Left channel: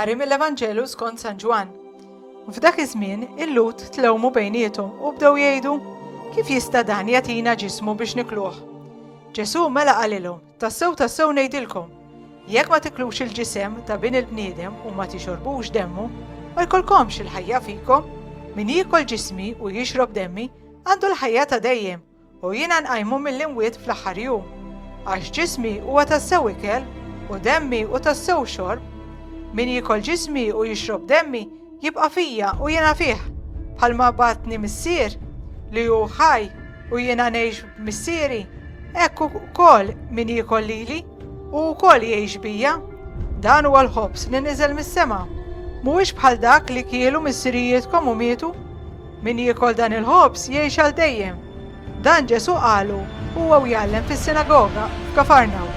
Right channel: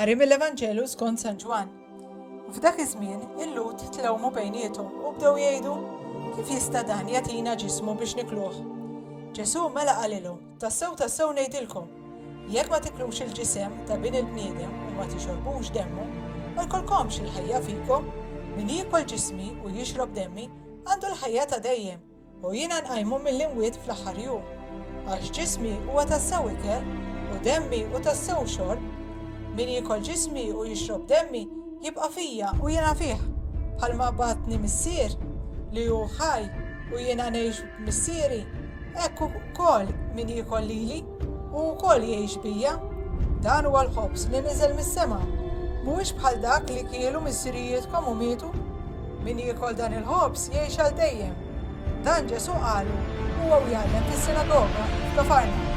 Qari mill-Evanġelu skont San Ġwan. F'dak iż-żmien il-lut tlewmu bejniethom u bdew jgħidu kif jista' dan jagħtina ġismu biex nikluh. Ġesu mela qalilhom, tassew ngħidilkom, jekk ma tiklux il-ġisem ta' bin il-bniedem u ma tixorbux demmu, ma jkollkomx il-ħajja fikom, min jiekol ġismi u jixrob demmi għandu l-ħajja ta' dejjem u jiena nqajmu mill-imwiet fl-aħħar jum. Għax ġismi huwa tassew ikel u demmi u tassew xorb, min jiekol ġismi u jixrob demmi jibqa' fija u jiena fih, bħalma batni missier li hu ħaj u jiena ngħix missieri, hekk ukoll min jiekol lili u wkoll jgħix bija. Dan huwa l-ħobs li niżel mis-sema. Mhuwiex bħal dak li kielu missirijietkom u mietu. Min jiekol dan il-ħobs jgħix għal dejjem. Dan Ġesu qalu huwa jgħallem fis-sinagoga f'Kafarnaw.